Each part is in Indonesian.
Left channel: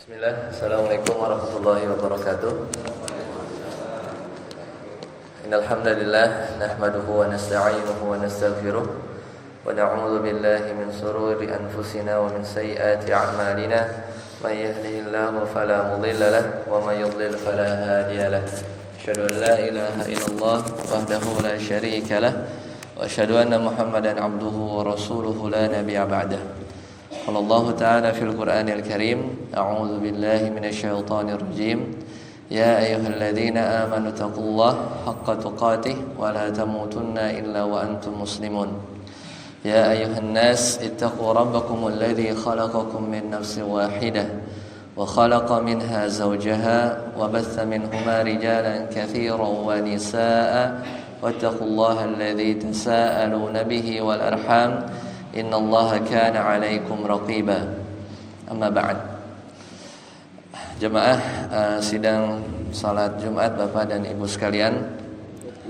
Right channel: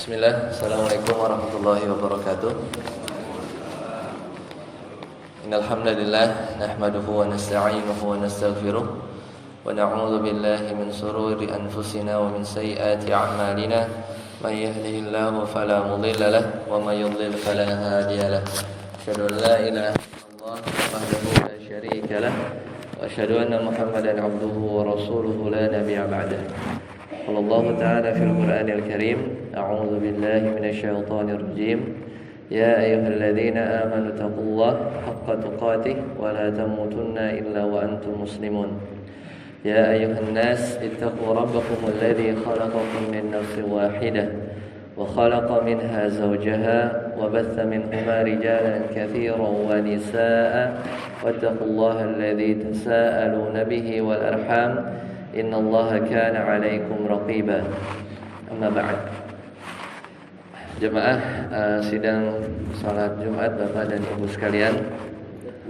Bismillah, Assalamualaikum warahmatullahi wabarakatuh. Innal hamdalillah nahmaduhu wa nasta'inuhu wa nastaghfiruh wa na'udzu billahi min shururi anfusina wa min sayyiati a'malina. May yahdihillahu fala mudilla lahu wa may yudlil fala hadiya lahu. Asyhadu an la ilaha illallah wahdahu la syarika lahu wa asyhadu anna Muhammadan 'abduhu wa rasuluhu la nabiyya ba'dahu. قال الله تعالى في القرآن الكريم أعوذ بالله من الشيطان الرجيم يا أيها الذين آمنوا اتقوا الله حق تقاته ولا تموتن إلا وأنتم مسلمون يا أيها الناس اتقوا ربكم الذي خلقكم من نفس واحدة وخلق منها زوجها وبث منهما رجالا كثيرا ونساء واتقوا الله الذي تساءلون به والأرحام Innallaha kana 'alaikum raqiba. Amma ba'd. Jemaah sidang salat Jumat Bapak dan Ibu sekalian.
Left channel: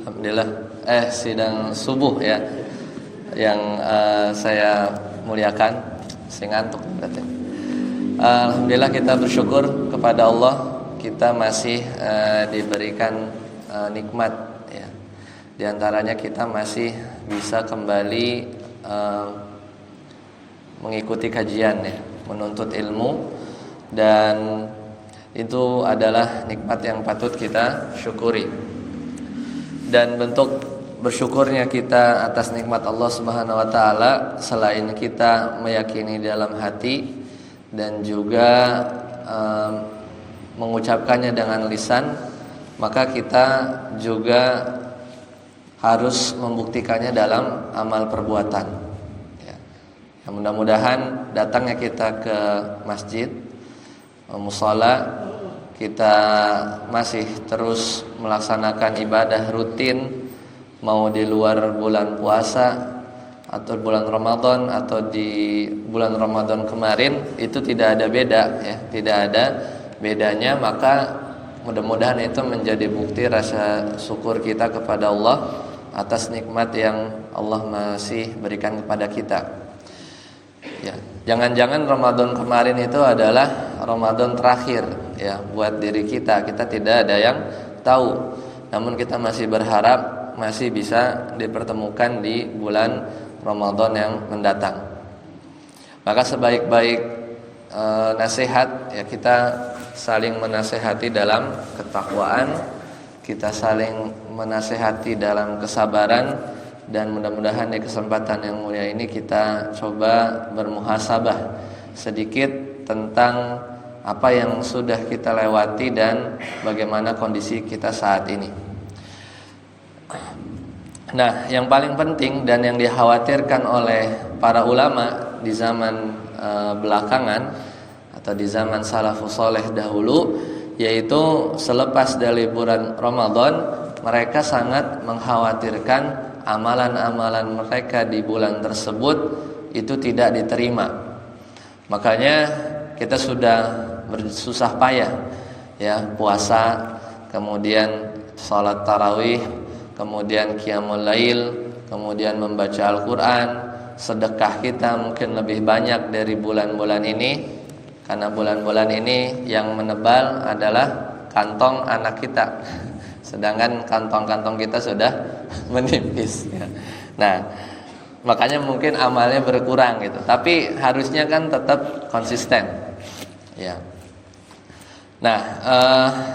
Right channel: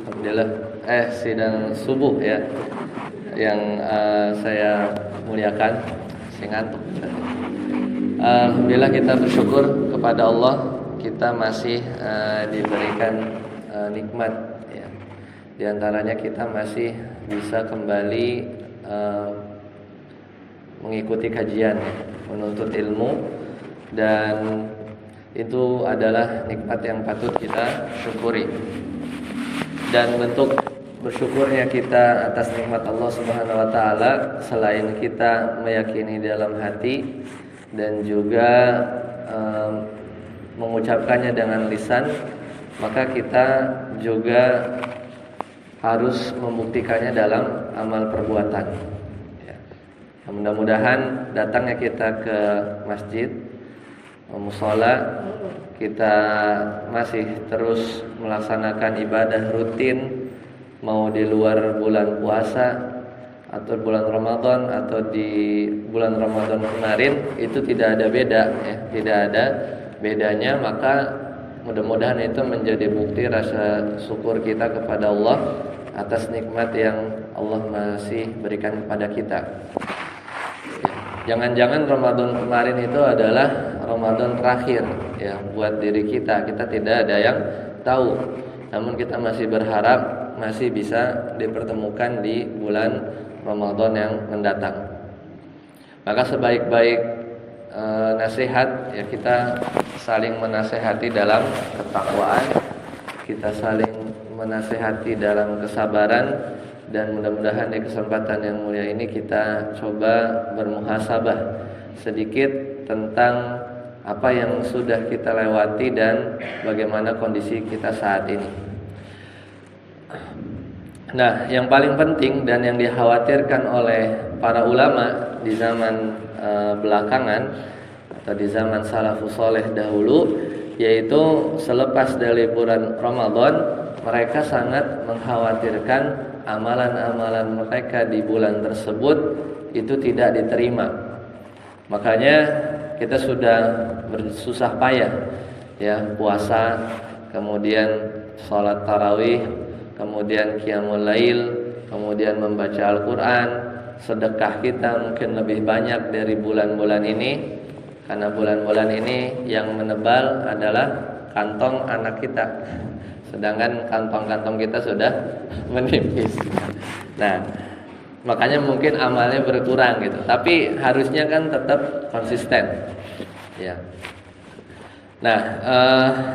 Alhamdulillah sidang subuh ya yang saya muliakan. Saya ngantuk. Alhamdulillah kita bersyukur kepada Allah kita masih diberikan nikmat ya. Di antaranya kita masih bisa kembali mengikuti kajian ya, menuntut ilmu, dan itu adalah nikmat yang patut kita syukuri. Dan bentuk bersyukurnya kita atas nikmat Allah Subhanahu wa taala selain kita meyakini dalam hati dan juga mengucapkannya dengan lisan, maka kita juga harus membuktikannya dalam amal perbuatan. Mudah-mudahan datangnya kita ke masjid, mushola, kita masih terus melaksanakan ibadah rutin, mau di luar bulan puasa atau bulan Ramadan atau di bulan Ramadan kemarin, itu tidak ada beda ya, tidak ada bedanya. Maka mudah-mudahan itu menjadi bukti rasa syukur kita kepada Allah atas nikmat yang Allah masih berikan kepada kita. Ya, jangan-jangan Ramadan kemarin itu adalah Ramadan terakhir ya buat diri kita. Kita tidak ada yang tahu. Namun kita masih berharap masih bisa dipertemukan di bulan Ramadan yang mendatang. Maka sebaik-baik nasihat ya, kita saling menasehati dalam ketakwaan, kita saling menasehati dalam kesabaran. Dan mudah-mudahan di kesempatan yang mulia ini kita coba bermuhasabah sedikit tentang apa yang sudah kita lewati dan bagaimana kondisi kita saat ini. Nah, yang paling penting dan yang dikhawatirkan oleh para ulama di zaman belakangan atau di zaman salafus saleh dahulu, yaitu selepas dari bulan Ramadan mereka sangat mengkhawatirkan amalan-amalan mereka di bulan tersebut itu tidak diterima. Makanya kita sudah bersusah payah ya, puasa, kemudian salat tarawih, kemudian qiyamul lail, kemudian membaca Al-Qur'an. Sedekah kita mungkin lebih banyak dari bulan-bulan ini, karena bulan-bulan ini yang menebal adalah kantong anak kita, sedangkan kantong-kantong kita sudah menipis. Nah, makanya mungkin amalnya berkurang gitu. Tapi harusnya kan tetap konsisten. Ya. Nah,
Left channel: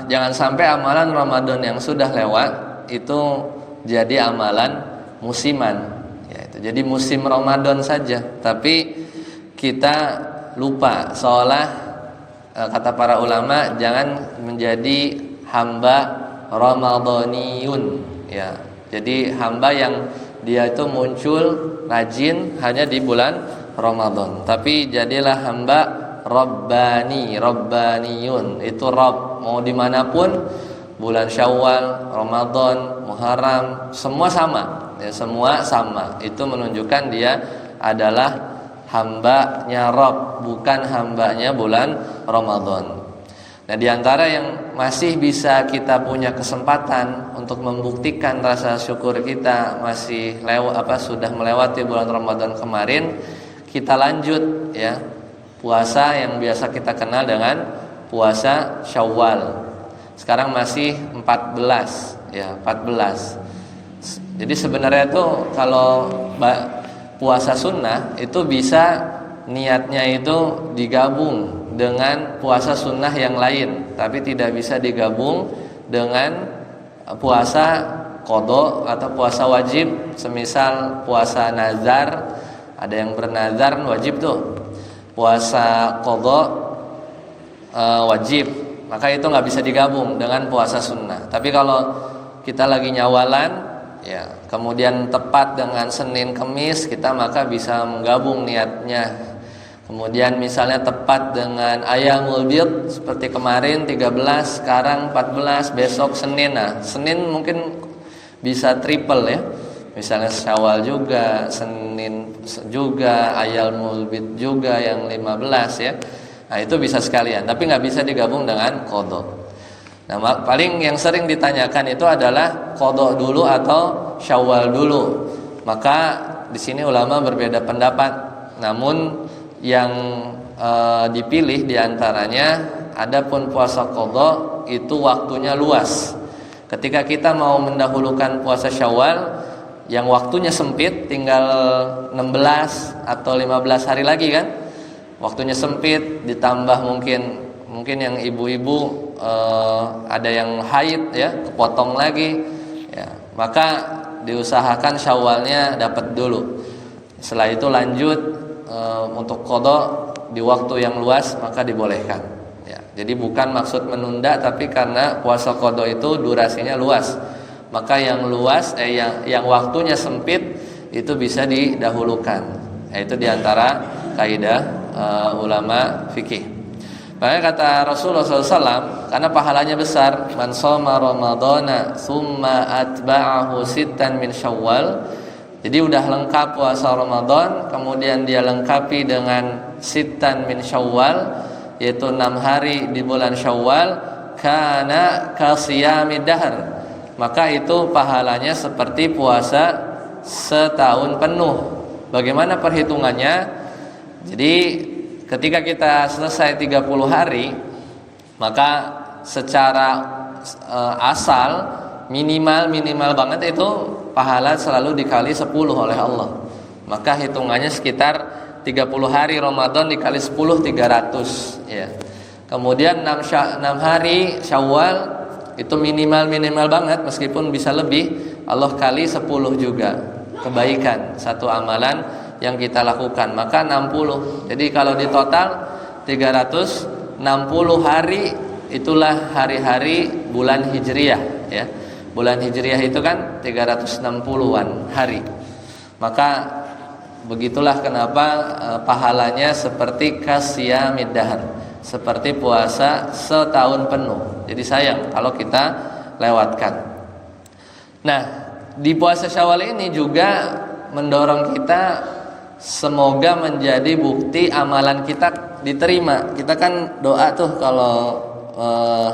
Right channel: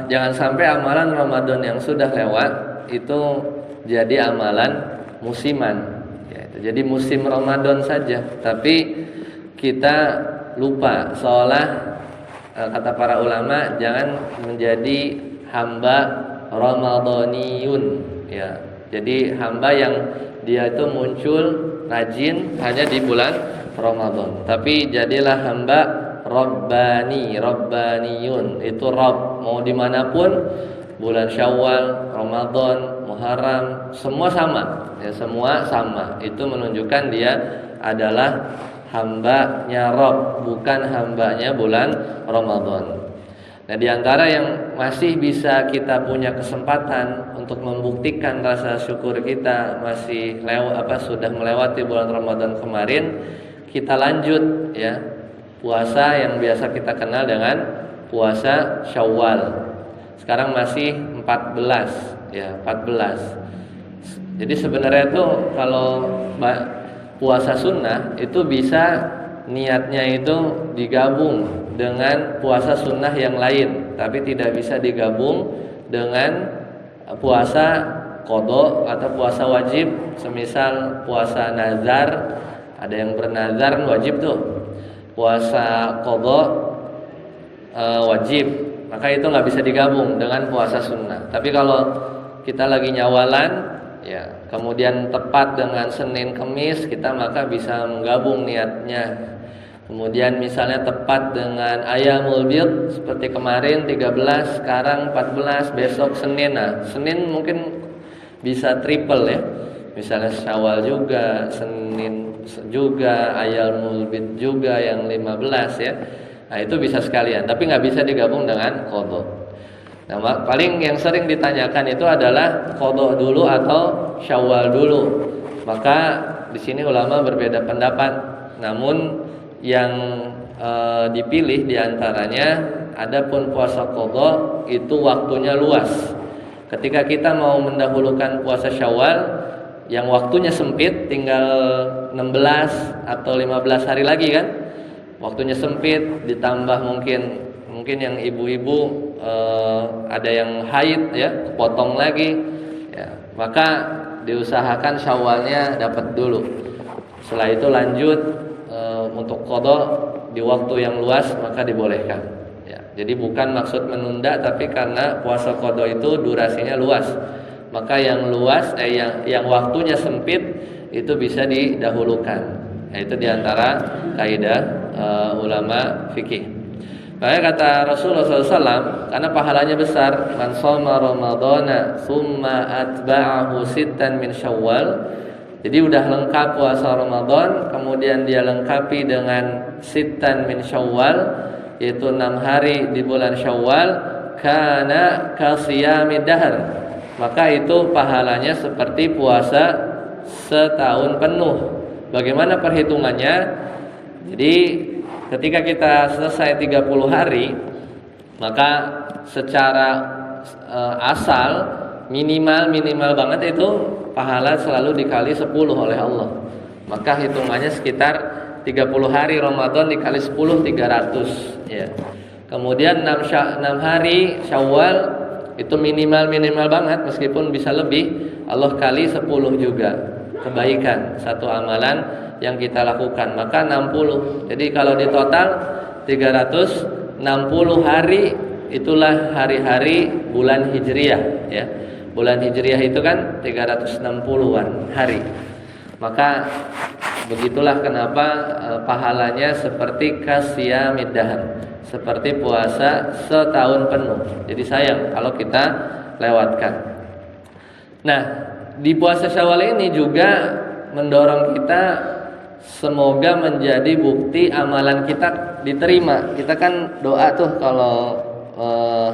jangan sampai amalan Ramadan yang sudah lewat itu jadi amalan musiman. Ya, itu jadi musim Ramadan saja. Tapi kita lupa, seolah kata para ulama, jangan menjadi hamba Ramadaniyun ya. Jadi hamba yang dia itu muncul rajin hanya di bulan Ramadan, tapi jadilah hamba Rabbani, Rabbaniyun. Itu Rabb mau dimanapun, bulan Syawal, Ramadan, Muharram, semua sama ya, semua sama. Itu menunjukkan dia adalah hambanya Rabb, bukan hambanya bulan Ramadan. Nah, di antara yang masih bisa kita punya kesempatan untuk membuktikan rasa syukur kita masih sudah melewati bulan Ramadan kemarin, kita lanjut ya puasa yang biasa kita kenal dengan puasa Syawal. Sekarang masih 14 ya, 14. Jadi sebenarnya tuh kalau puasa sunnah itu bisa niatnya itu digabung dengan puasa sunnah yang lain, tapi tidak bisa digabung dengan puasa qada atau puasa wajib. Semisal puasa nazar, ada yang bernazar wajib tuh. Puasa qada wajib, maka itu nggak bisa digabung dengan puasa sunnah. Tapi kalau kita lagi nyawalan ya, kemudian tepat dengan Senin Kemis, kita maka bisa menggabung niatnya. Kemudian misalnya tepat dengan Ayyamul Bid seperti kemarin 13, sekarang 14, besok Senin. Nah, Senin mungkin bisa triple ya. Misalnya Syawal juga, Senin juga, Ayyamul Bid juga yang 15 ya. Nah, itu bisa sekalian, tapi nggak bisa digabung dengan qada. Nah, paling yang sering ditanyakan itu adalah qada dulu atau Syawal dulu. Maka di sini ulama berbeda pendapat. Namun yang dipilih diantaranya, adapun puasa qada itu waktunya luas. Ketika kita mau mendahulukan puasa Syawal yang waktunya sempit, tinggal 16 atau 15 hari lagi kan, waktunya sempit, ditambah mungkin yang ibu-ibu ada yang haid ya, kepotong lagi ya, maka diusahakan Syawalnya dapat dulu. Setelah itu lanjut untuk qada di waktu yang luas, maka dibolehkan ya. Jadi bukan maksud menunda, tapi karena puasa qada itu durasinya luas, maka yang luas yang waktunya sempit itu bisa didahulukan. Itu diantara kaidah ulama fikih. Makanya kata Rasulullah SAW, karena pahalanya besar, man shoma ramadhana tsumma atba'ahu sittan min Syawal. Jadi udah lengkap puasa Ramadan, kemudian dia lengkapi dengan sittan min Syawal, yaitu 6 hari di bulan Syawal, kana kasiyamid dahr. Maka itu pahalanya seperti puasa setahun penuh. Bagaimana perhitungannya? Jadi ketika kita selesai 30 hari, maka secara asal minimal banget itu pahala selalu dikali 10 oleh Allah. Maka hitungannya sekitar 30 hari Ramadan dikali 10, 300 ya. Kemudian 6 hari Syawal itu minimal banget, meskipun bisa lebih, Allah kali 10 juga kebaikan satu amalan yang kita lakukan, maka 60. Jadi kalau di total 360 hari, itulah hari-hari bulan Hijriah ya. Bulan Hijriah itu kan 360-an hari. Maka begitulah kenapa pahalanya seperti kasiyamid dahr, seperti puasa setahun penuh. Jadi sayang kalau kita lewatkan. Nah, di puasa Syawal ini juga mendorong kita semoga menjadi bukti amalan kita diterima. Kita kan doa tuh kalau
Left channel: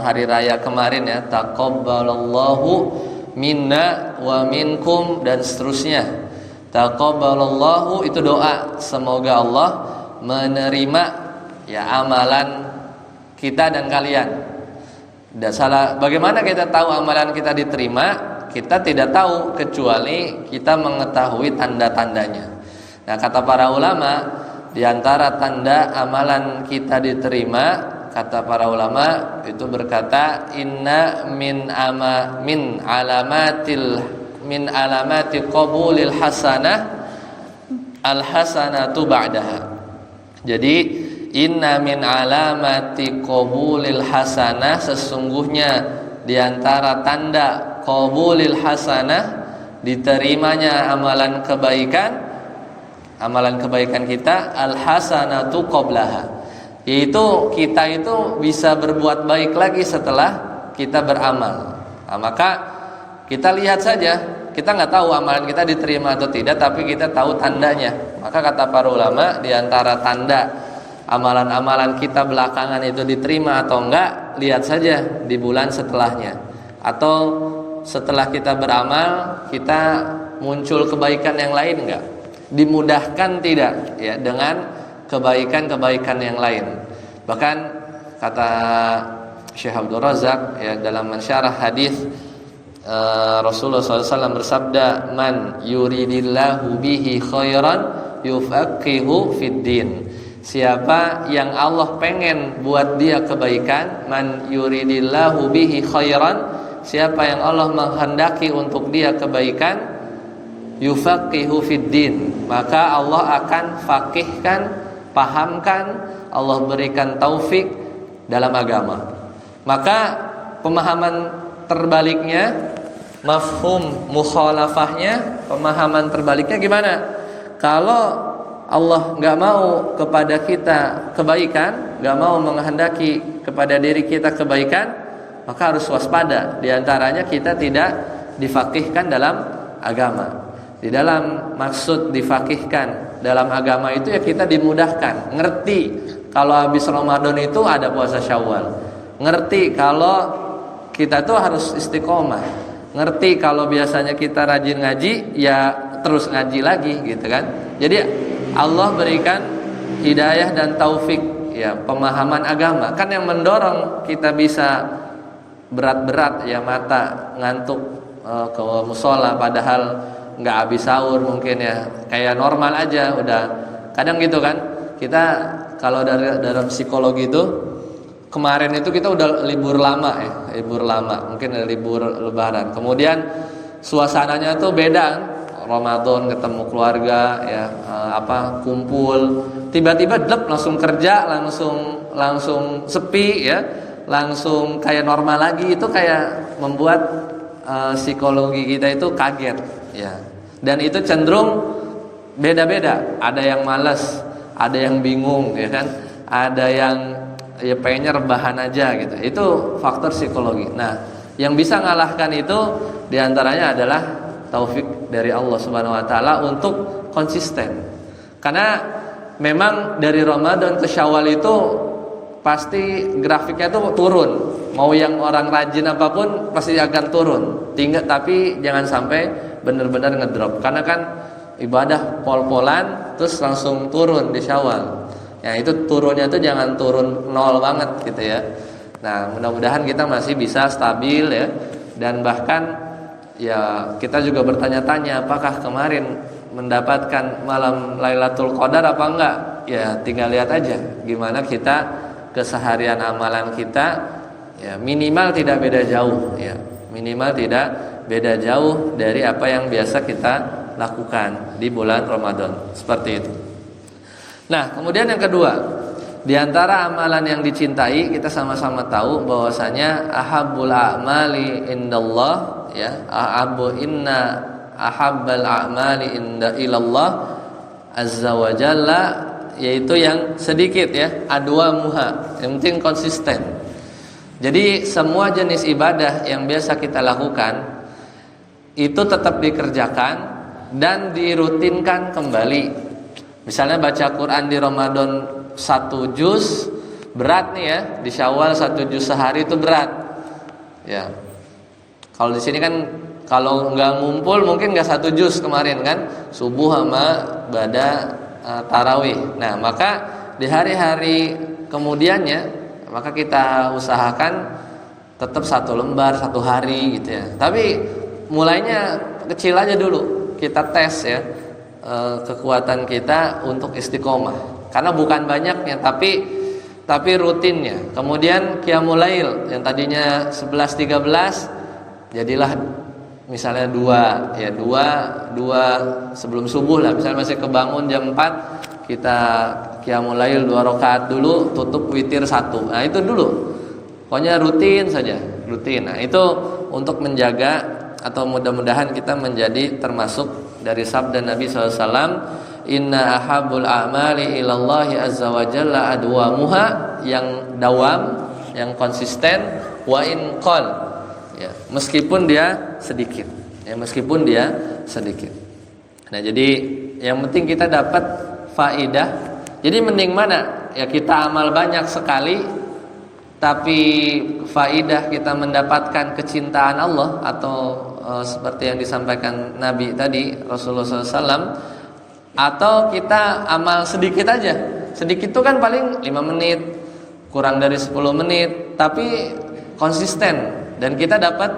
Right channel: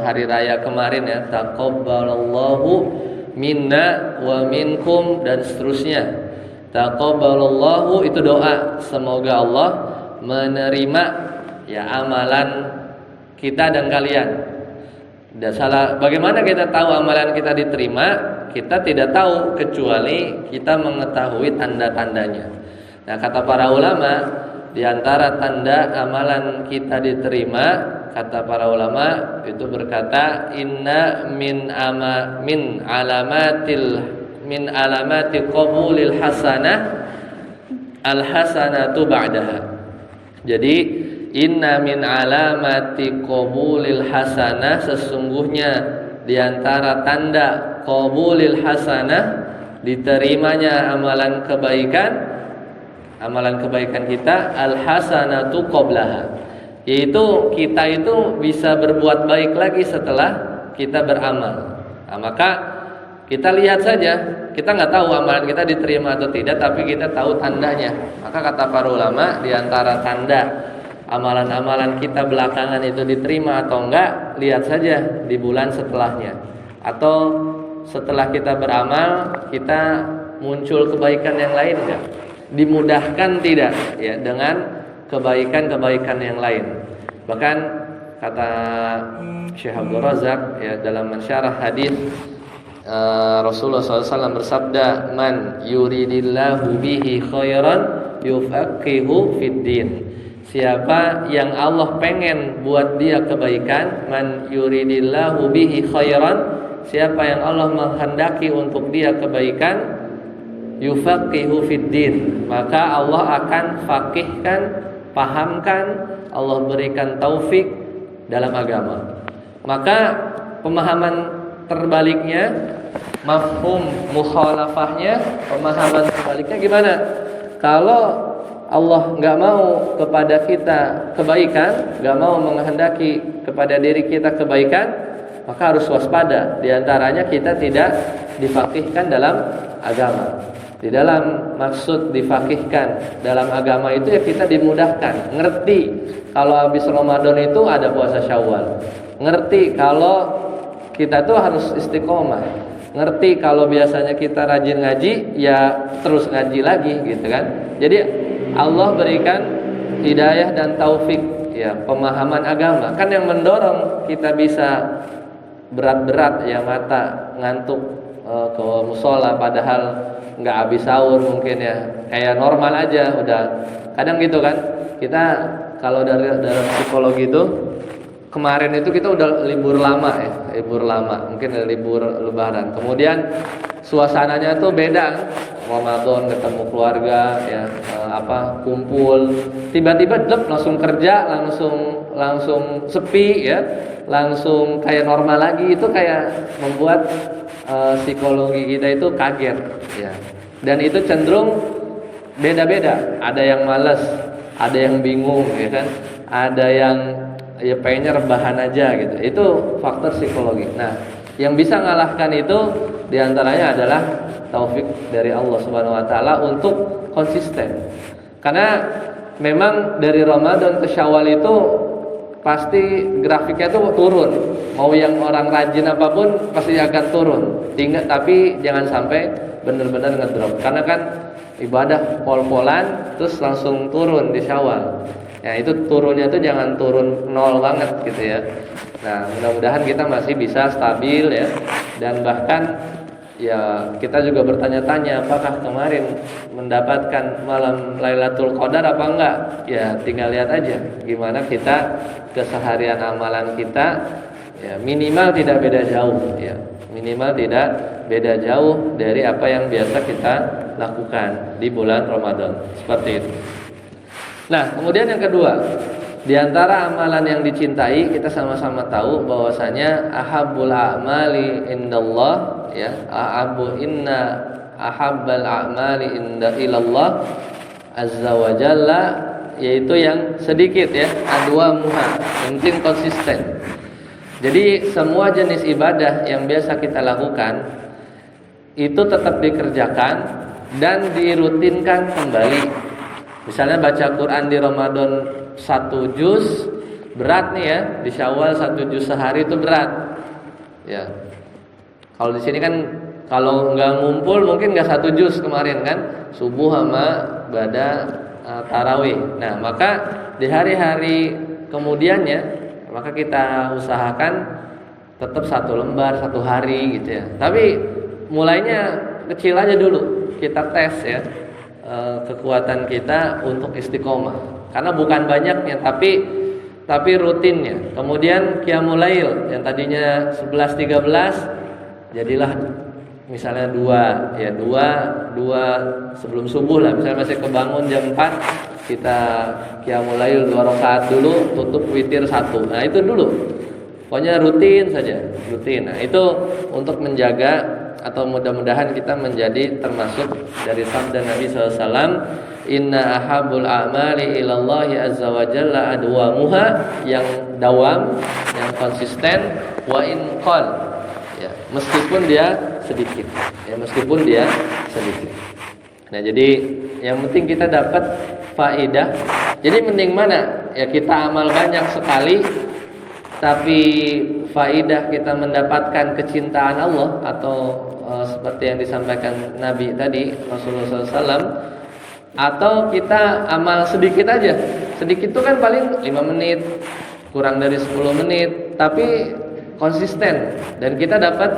hari raya kemarin ya, taqabbalallahu minna wa minkum dan seterusnya. Taqabbalallahu itu doa, semoga Allah menerima ya amalan kita dan kalian. Dan salah, bagaimana kita tahu amalan kita diterima? Kita tidak tahu kecuali kita mengetahui tanda-tandanya. Nah, kata para ulama, di antara tanda amalan kita diterima, kata para ulama itu berkata, inna min alamati qabulil hasanah al hasanatu ba'daha. Jadi inna min alamati qabulil hasanah, sesungguhnya di antara tanda qabulil hasanah, diterimanya amalan kebaikan kita, al hasanatu qablaha, yaitu kita itu bisa berbuat baik lagi setelah kita beramal. Nah, maka kita lihat saja, kita nggak tahu amalan kita diterima atau tidak, tapi kita tahu tandanya. Maka kata para ulama, di antara tanda amalan-amalan kita belakangan itu diterima atau enggak, lihat saja di bulan setelahnya. Atau setelah kita beramal, kita muncul kebaikan yang lain enggak? Dimudahkan tidak ya dengan kebaikan-kebaikan yang lain. Bahkan kata Syekh Abdul Razak ya dalam mensyarah hadis Rasulullah SAW bersabda, man yuridillahu bihi khairan yufaqihu fid din. Siapa yang Allah pengen buat dia kebaikan, man yuridillahu bihi khairan, siapa yang Allah menghendaki untuk dia kebaikan, yufaqihu fid din, maka Allah akan faqihkan, pahamkan, Allah berikan taufik dalam agama. Maka pemahaman terbaliknya, mafhum mukhalafahnya, pemahaman terbaliknya gimana? Kalau Allah nggak mau kepada kita kebaikan, nggak mau menghendaki kepada diri kita kebaikan, maka harus waspada. Di antaranya kita tidak difaqihkan dalam agama. Di dalam maksud difaqihkan dalam agama itu ya kita dimudahkan, ngerti kalau habis Ramadan itu ada puasa Syawal, ngerti kalau kita tuh harus istiqomah, ngerti kalau biasanya kita rajin ngaji ya terus ngaji lagi gitu kan. Jadi Allah berikan hidayah dan taufik ya, pemahaman agama. Kan yang mendorong kita bisa berat-berat ya mata ngantuk ke musola padahal nggak habis sahur mungkin ya, kayak normal aja udah. Kadang gitu kan, kita kalau dalam psikologi itu kemarin itu kita udah libur lama ya, libur lama, mungkin ada libur lebaran. Kemudian suasananya tuh beda, Ramadan ketemu keluarga ya, kumpul, tiba-tiba langsung kerja, langsung sepi ya, langsung kayak normal lagi. Itu kayak membuat psikologi kita itu kaget ya. Dan itu cenderung beda-beda, ada yang malas, ada yang bingung ya kan, ada yang ya pengennya rebahan aja gitu. Itu faktor psikologi. Nah, yang bisa ngalahkan itu diantaranya adalah taufik dari Allah Subhanahu Wa Taala untuk konsisten. Karena memang dari Ramadan ke Syawal itu pasti grafiknya tuh turun. Mau yang orang rajin apapun pasti akan turun. Tapi jangan sampai benar-benar ngedrop. Karena kan ibadah pol-polan terus langsung turun di Syawal. Ya itu turunnya tuh jangan turun nol banget gitu ya. Nah, mudah-mudahan kita masih bisa stabil ya. Dan bahkan ya kita juga bertanya-tanya apakah kemarin mendapatkan malam Lailatul Qadar apa enggak? Ya tinggal lihat aja gimana kita keseharian amalan kita ya, minimal tidak beda jauh ya. Minimal tidak beda jauh dari apa yang biasa kita lakukan di bulan Ramadan. Seperti itu. Nah, kemudian yang kedua, di antara amalan yang dicintai, kita sama-sama tahu bahwasanya ahabbul a'mali indallah ya, inna ahabbal a'mali inda ilallah azza wa jalla, yaitu yang sedikit ya, adwamuha, yang penting konsisten. Jadi semua jenis ibadah yang biasa kita lakukan itu tetap dikerjakan dan dirutinkan kembali. Misalnya baca Quran di Ramadan 1 juz berat nih ya, di Syawal 1 juz sehari itu berat. Ya. Kalau di sini kan kalau nggak ngumpul mungkin nggak 1 juz kemarin kan, subuh sama bada tarawih. Nah, maka di hari-hari kemudiannya maka kita usahakan tetap 1 lembar 1 hari gitu ya. Tapi mulainya kecil aja dulu, kita tes ya kekuatan kita untuk istiqomah. Karena bukan banyaknya tapi rutinnya. Kemudian qiyamul lail yang tadinya 11-13 jadilah misalnya 2 ya, 2 sebelum subuh lah. Misalnya masih kebangun jam 4, kita qiyamul lail 2 rakaat dulu, tutup witir 1. Nah, itu dulu. Pokoknya rutin saja, rutin. Nah, itu untuk menjaga atau mudah-mudahan kita menjadi termasuk dari sabda Nabi SAW, inna ahabul a'mali ilallahi azza wa jalla adwamuha, yang dawam, yang konsisten, wa in qal ya, meskipun dia sedikit ya, meskipun dia sedikit. Nah, jadi yang penting kita dapat faidah. Jadi mending mana ya, kita amal banyak sekali tapi faidah kita mendapatkan kecintaan Allah, atau seperti yang disampaikan Nabi tadi, Rasulullah SAW, atau kita amal sedikit aja. Sedikit itu kan paling 5 menit, kurang dari 10 menit tapi konsisten, dan kita dapat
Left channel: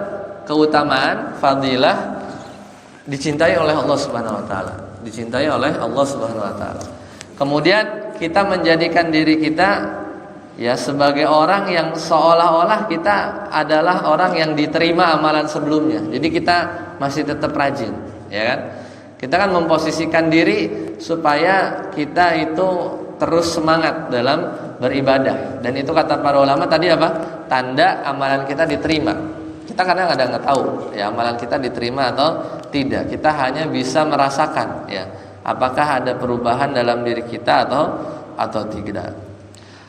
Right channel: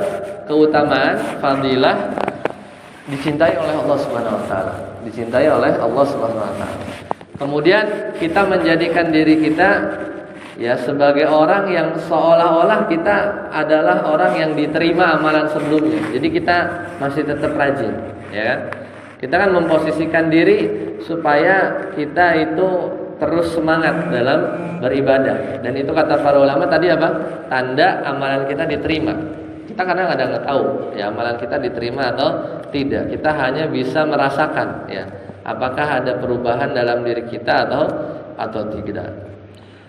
keutamaan, fadilah, dicintai oleh Allah Subhanahu wa taala, dicintai oleh Allah Subhanahu wa taala. Kemudian kita menjadikan diri kita ya sebagai orang yang seolah-olah kita adalah orang yang diterima amalan sebelumnya. Jadi kita masih tetap rajin, ya. Kita kan memposisikan diri supaya kita itu terus semangat dalam beribadah. Dan itu kata para ulama tadi apa? Tanda amalan kita diterima. Kita kadang-kadang nggak tahu ya amalan kita diterima atau tidak. Kita hanya bisa merasakan ya apakah ada perubahan dalam diri kita atau tidak.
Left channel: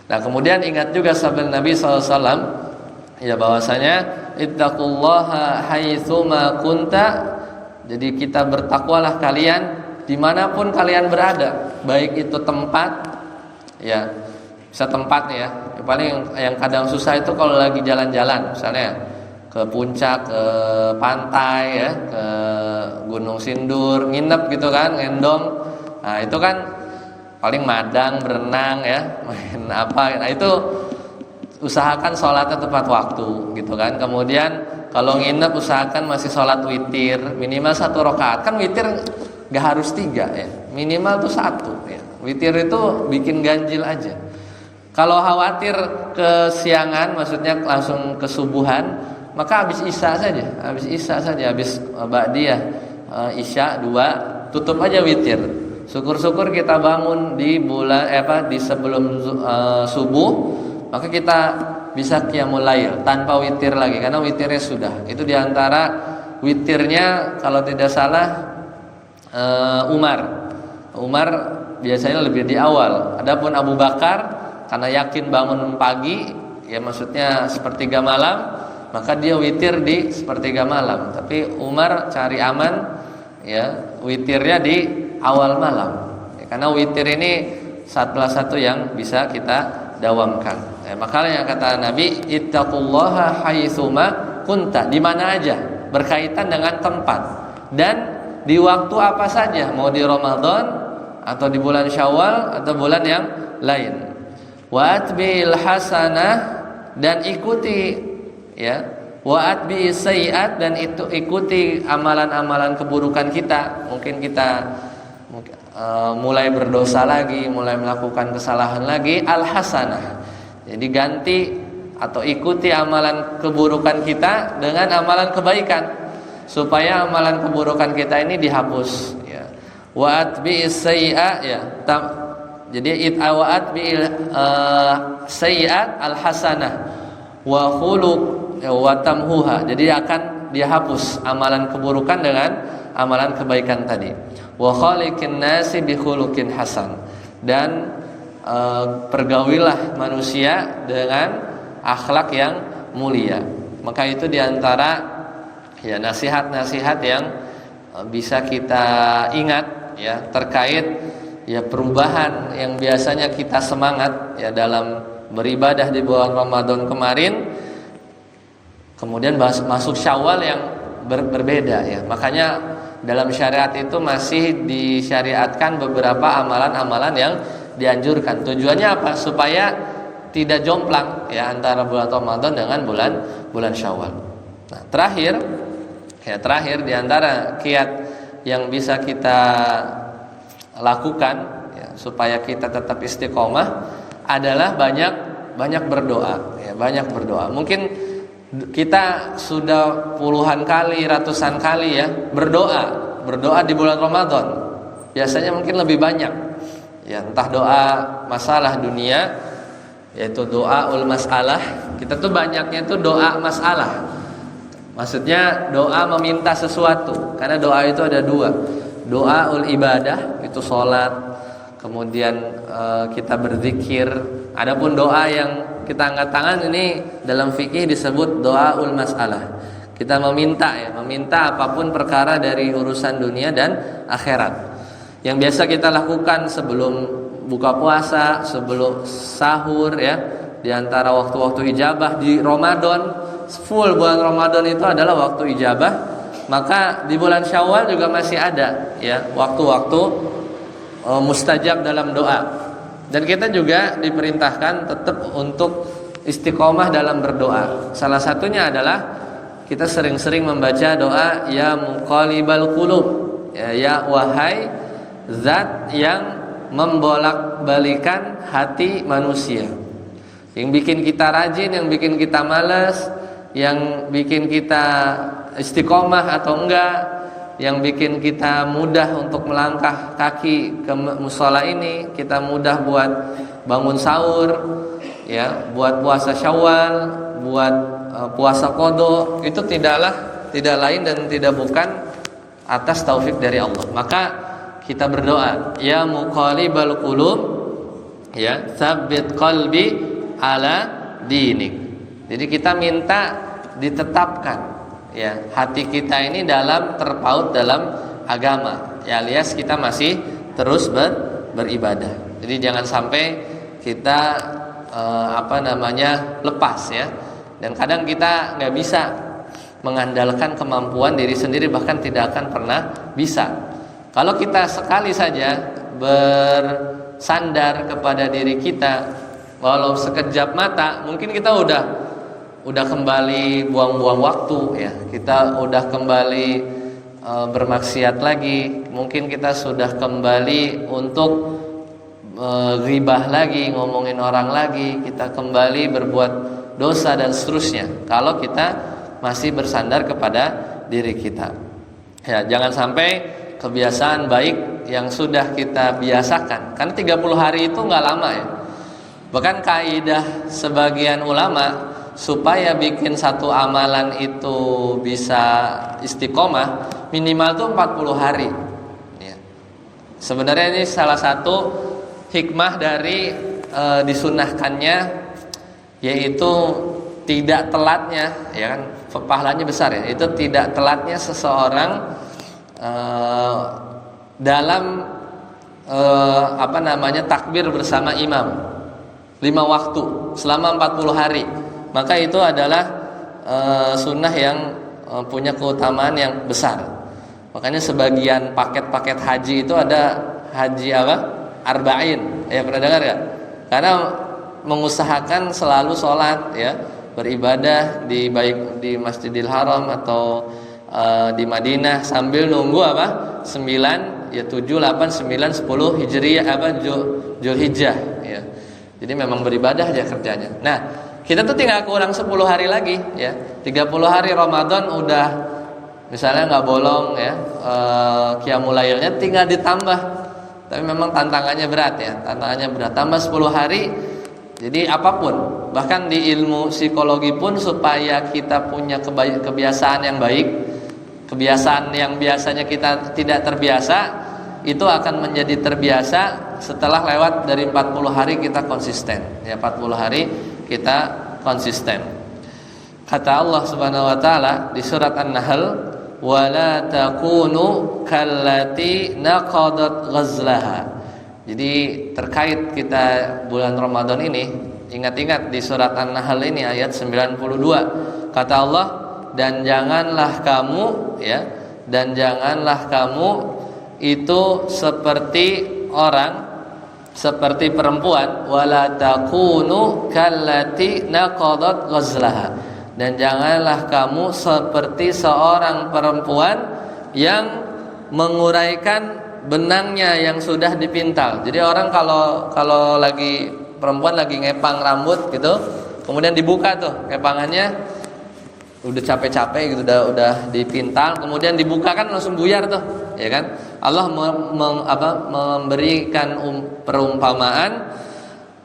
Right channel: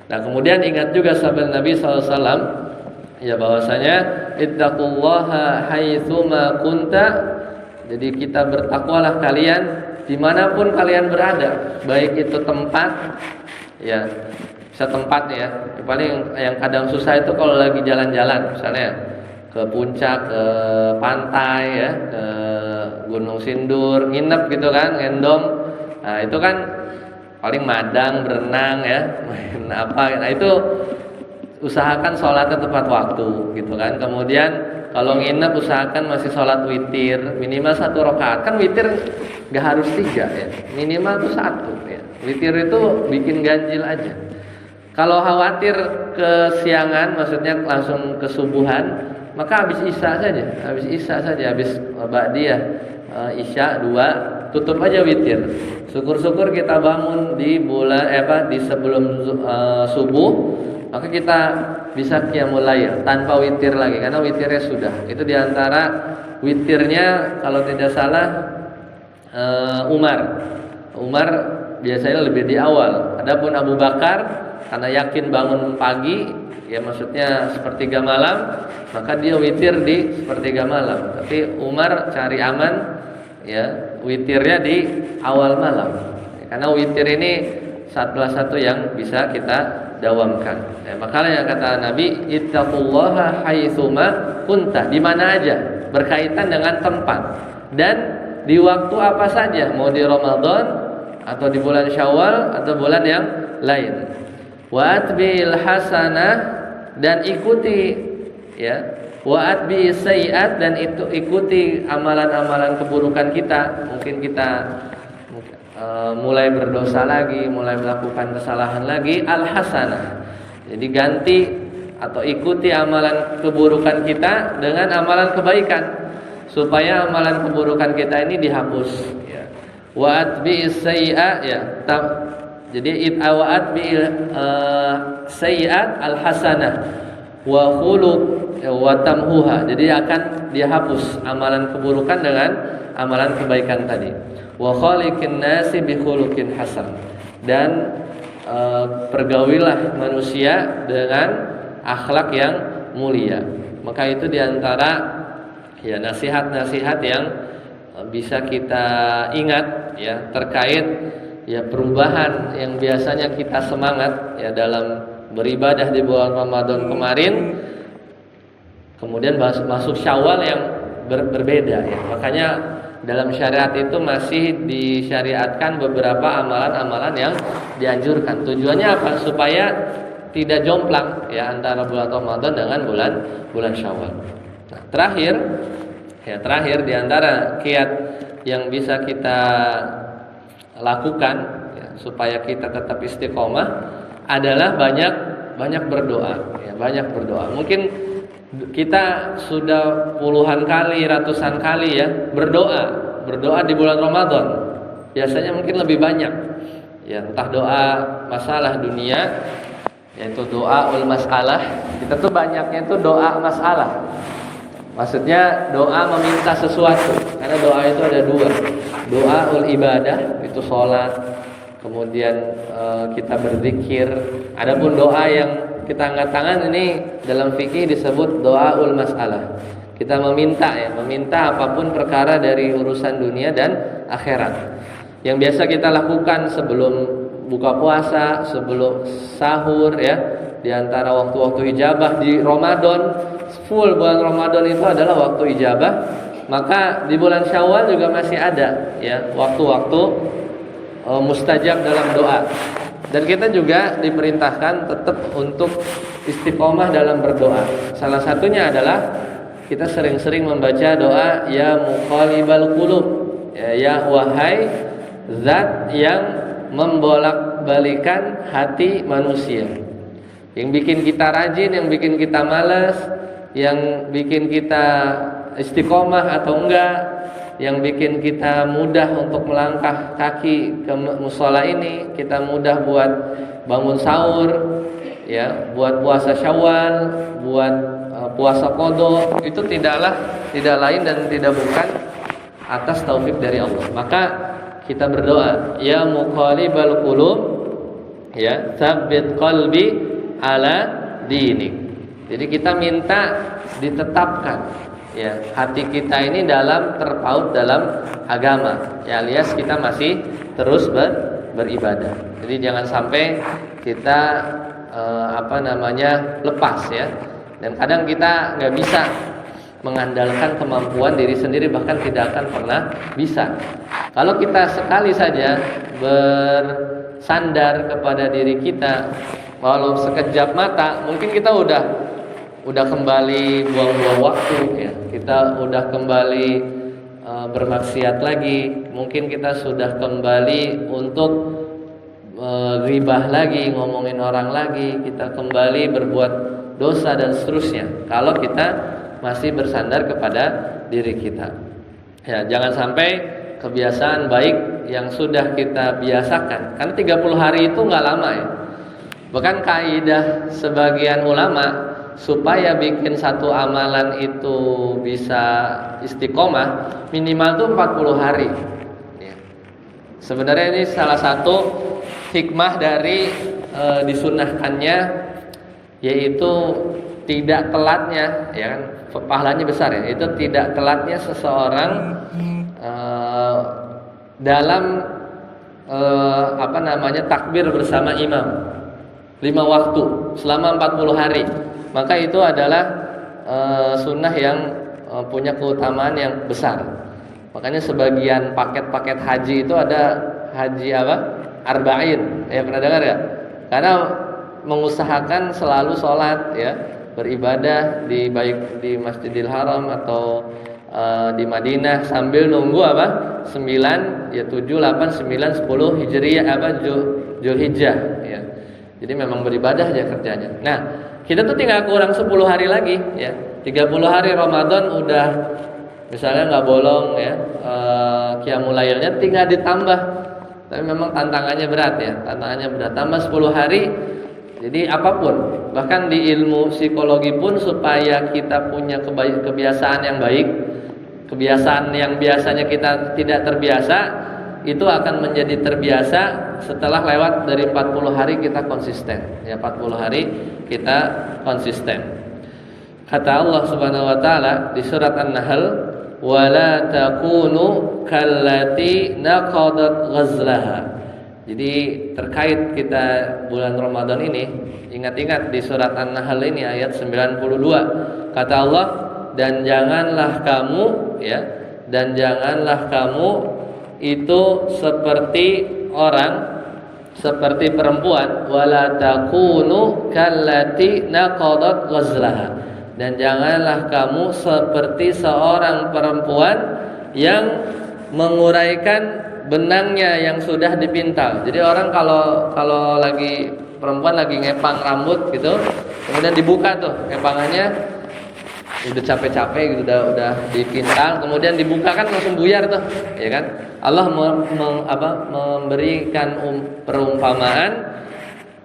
Nah, kemudian ingat juga sahabat Nabi SAW ya bahwasanya ittaqullaha haitsuma kunta. Jadi kita bertakwalah kalian dimanapun kalian berada, baik itu tempat ya, bisa tempat ya. Paling yang kadang susah itu kalau lagi jalan-jalan, misalnya ke puncak, ke pantai ya, ke Gunung Sindur, nginep gitu kan, ngendom. Nah, itu kan paling madang, berenang ya, main apa. Nah, itu usahakan sholatnya tepat waktu gitu kan. Kemudian kalau nginep usahakan masih sholat witir minimal 1 rakaat. Kan witir gak harus 3 ya, minimal tuh 1 ya. Witir itu bikin ganjil aja. Kalau khawatir kesiangan, maksudnya langsung kesubuhan, maka habis isya saja, habis ba'diyah isya 2, tutup aja witir. Syukur-syukur kita bangun di bulan di sebelum subuh, maka kita bisa qiyamul lail tanpa witir lagi karena witirnya sudah. Itu diantara witirnya kalau tidak salah Umar biasanya lebih di awal. Adapun Abu Bakar karena yakin bangun pagi, ya maksudnya sepertiga malam, maka dia witir di sepertiga malam. Tapi Umar cari aman, ya witirnya di awal malam. Ya, karena witir ini salah satu yang bisa kita dawamkan. Ya, makanya kata Nabi, ittaqullaha haitsuma kunta, di mana aja, berkaitan dengan tempat dan di waktu apa saja, mau di Ramadan atau di bulan Syawal atau bulan yang lain. Wa atbil hasanah, dan ikuti ya, wa atbi sayiat, dan itu ikuti amalan-amalan keburukan kita. Mungkin kita mulai berdosa lagi, mulai melakukan kesalahan lagi, al hasanah. Jadi ganti atau ikuti amalan keburukan kita dengan amalan kebaikan supaya amalan keburukan kita ini dihapus ya. Wa atbi sayiat ya. Jadi itawat bil sayiat al hasanah wa khuluq wa tamhuha. Jadi akan dihapus amalan keburukan dengan amalan kebaikan tadi. Wa khaliqin nasi bi khuluqin hasan, dan pergaulilah manusia dengan akhlak yang mulia. Maka itu diantara ya nasihat-nasihat yang bisa kita ingat ya terkait ya perubahan yang biasanya kita semangat ya dalam beribadah di bulan Ramadan kemarin, kemudian masuk Syawal yang berbeda ya. Makanya dalam syariat itu masih disyariatkan beberapa amalan-amalan yang dianjurkan. Tujuannya apa? Supaya tidak jomplang ya antara bulan Ramadan dengan bulan Syawal. Nah, terakhir di antara kiat yang bisa kita lakukan ya, supaya kita tetap istiqomah adalah banyak berdoa ya, banyak berdoa. Mungkin kita sudah puluhan kali, ratusan kali ya berdoa di bulan Ramadan. Biasanya mungkin lebih banyak ya, entah doa masalah dunia yaitu doa ul masalah. Kita tuh banyaknya itu doa masalah. Maksudnya doa meminta sesuatu. Karena doa itu ada 2. Doa ul ibadah, itu sholat, kemudian kita berzikir. Adapun doa yang kita angkat tangan ini dalam fikih disebut doa ul masalah. Kita meminta apapun perkara dari urusan dunia dan akhirat. Yang biasa kita lakukan sebelum buka puasa, sebelum sahur ya, di antara waktu-waktu ijabah di Ramadan, full bulan Ramadan itu adalah waktu ijabah. Maka di bulan Syawal juga masih ada ya waktu-waktu mustajab dalam doa. Dan kita juga diperintahkan tetap untuk istiqomah dalam berdoa. Salah satunya adalah kita sering-sering membaca doa ya muqallibal qulub, ya wahai zat yang membolak-balikan hati manusia. Yang bikin kita rajin, yang bikin kita malas, yang bikin kita istiqomah atau enggak, yang bikin kita mudah untuk melangkah kaki ke musola ini, kita mudah buat bangun sahur, ya, buat puasa Syawal, buat puasa qada, itu tidak lain dan tidak bukan atas taufik dari Allah. Maka kita berdoa, ya muqallibal qulub, ya tsabbit qalbi ala dinik. Jadi kita minta ditetapkan, ya, hati kita ini terpaut dalam agama, ya, alias kita masih terus beribadah. Jadi jangan sampai kita lepas, ya. Dan kadang kita nggak bisa mengandalkan kemampuan diri sendiri, bahkan tidak akan pernah bisa. Kalau kita sekali saja bersandar kepada diri kita, walau sekejap mata, mungkin kita udah kembali buang-buang waktu, ya. Kita udah kembali bermaksiat lagi. Mungkin kita sudah kembali untuk ghibah lagi, ngomongin orang lagi. Kita kembali berbuat dosa dan seterusnya. Kalau kita masih bersandar kepada diri kita, ya, jangan sampai kebiasaan baik yang sudah kita biasakan. Karena 30 hari itu nggak lama, ya. Bahkan kaidah sebagian ulama, supaya bikin satu amalan itu bisa istiqomah, minimal tuh 40 hari, ya. Sebenarnya ini salah satu hikmah dari disunahkannya, yaitu tidak telatnya, ya kan, pahalanya besar, ya. Itu tidak telatnya seseorang dalam takbir bersama imam 5 waktu selama 40 hari. Maka itu adalah sunnah yang punya keutamaan yang besar. Makanya sebagian paket-paket haji itu ada haji arba'in, ya, pernah dengar ya? Karena mengusahakan selalu sholat, ya, beribadah baik di Masjidil Haram atau di Madinah sambil nunggu 9, ya, 7, 8, 9, 10 Hijriyah Zulhijjah, ya. Jadi memang beribadah aja kerjanya. Nah, kita tuh tinggal kurang 10 hari lagi, ya. 30 hari Ramadan udah misalnya nggak bolong, ya, qiyamul lailnya tinggal ditambah. Tapi memang tantangannya berat, ya. Tantangannya berat. Tambah 10 hari. Jadi apapun, bahkan di ilmu psikologi pun, supaya kita punya kebiasaan yang baik, kebiasaan yang biasanya kita tidak terbiasa, itu akan menjadi terbiasa setelah lewat dari 40 hari kita konsisten, ya, 40 hari kita konsisten. Kata Allah Subhanahu wa taala di surat An-Nahl, "Wala takunu kallati naqadat ghazlaha." Jadi terkait kita bulan Ramadan ini, ingat-ingat di surat An-Nahl ini ayat 92, kata Allah, dan janganlah kamu, ya, dan janganlah kamu itu seperti orang, seperti perempuan, wala takunu kallati naqadat ghazlaha, dan janganlah kamu seperti seorang perempuan yang menguraikan benangnya yang sudah dipintal. Jadi orang kalau lagi perempuan lagi ngepang rambut gitu, kemudian dibuka tuh kepangannya, udah capek-capek gitu, udah dipintal, kemudian dibuka kan langsung buyar tuh, ya kan? Allah memberikan perumpamaan,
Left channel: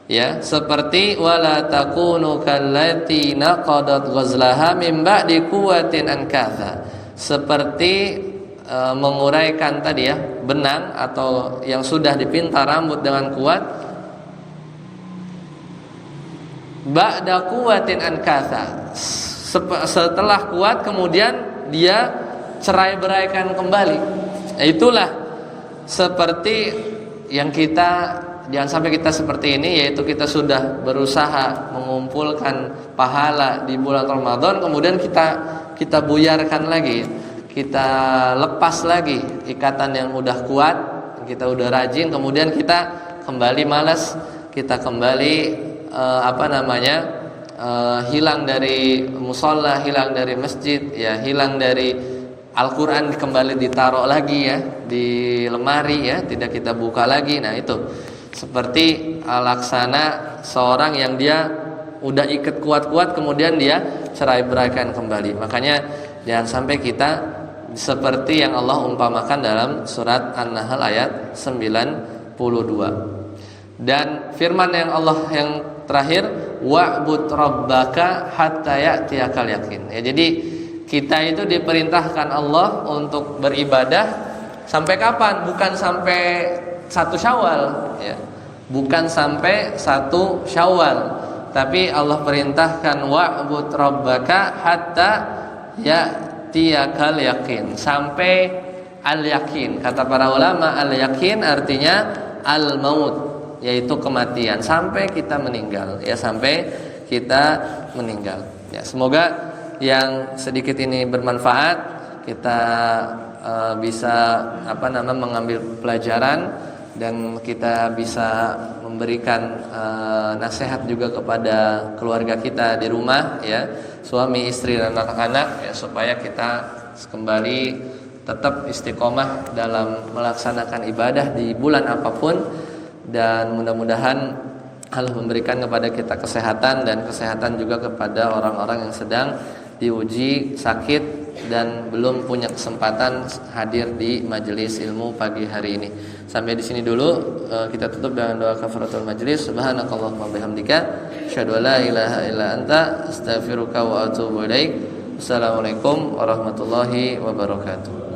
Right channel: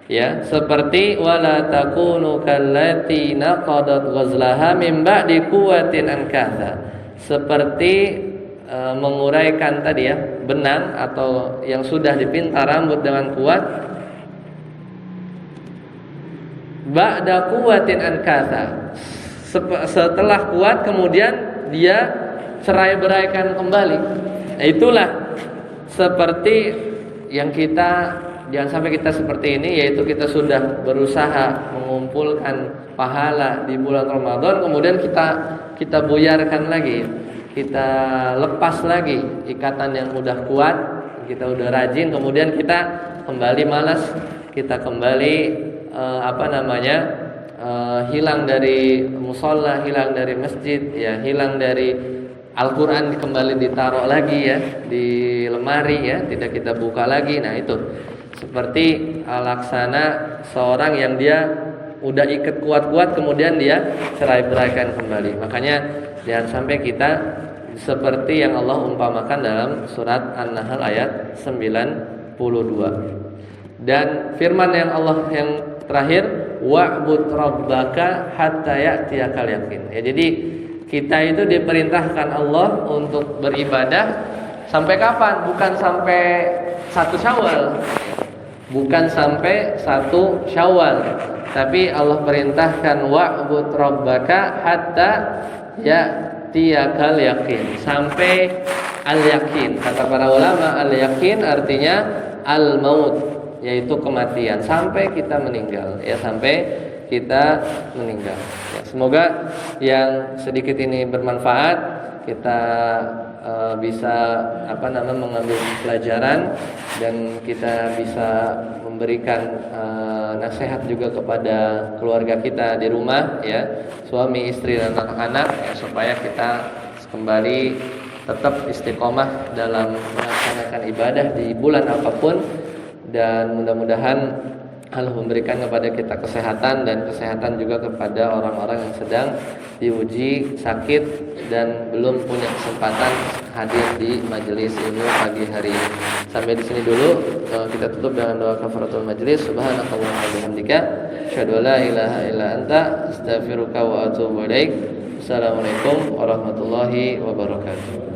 ya, seperti wala takunu kallati naqadat ghazlaha min ba'di quwwatin ankatha, seperti menguraikan tadi, ya, benang atau yang sudah dipintal rambut dengan kuat, ba'da quwwatin ankatha, setelah kuat kemudian dia cerai-beraikan kembali. Nah, itulah seperti yang kita, jangan sampai kita seperti ini, yaitu kita sudah berusaha mengumpulkan pahala di bulan Ramadan, kemudian kita buyarkan lagi, kita lepas lagi ikatan yang udah kuat, kita udah rajin, kemudian kita kembali malas, kita kembali hilang dari musola, hilang dari masjid, ya, hilang dari Al-Quran, kembali ditaruh lagi ya di lemari, ya, tidak kita buka lagi. Nah, itu seperti laksana seorang yang dia udah ikat kuat-kuat kemudian dia cerai-beraikan kembali. Makanya jangan sampai kita seperti yang Allah umpamakan dalam surat An-Nahl ayat 92. Dan firman yang Allah yang terakhir, wa'bud rabbaka hatta ya'tiyakal yakin. Ya, jadi kita itu diperintahkan Allah untuk beribadah sampai kapan? Bukan sampai 1 Syawal, ya. Bukan sampai 1 Syawal. Tapi Allah perintahkan wa'bud rabbaka hatta ya'tiyakal yakin, sampai al-yakin. Kata para ulama, al-yakin artinya al-maut, yaitu kematian, sampai kita meninggal, ya, sampai kita meninggal. Ya, semoga yang sedikit ini bermanfaat, kita bisa mengambil pelajaran, dan kita bisa memberikan nasihat juga kepada keluarga kita di rumah, ya, suami, istri, dan anak-anak, ya, supaya kita kembali tetap istiqomah dalam melaksanakan ibadah di bulan apapun. Dan mudah-mudahan Allah memberikan kepada kita kesehatan, dan kesehatan juga kepada orang-orang yang sedang diuji sakit dan belum punya kesempatan hadir di majelis ilmu pagi hari ini. Sampai di sini dulu, kita tutup dengan doa kafaratul majelis. Subhanakallahumma wa bihamdika, asyhadu an la ilaha illa anta, astaghfiruka wa atubu ilaik. Assalamualaikum warahmatullahi wabarakatuh.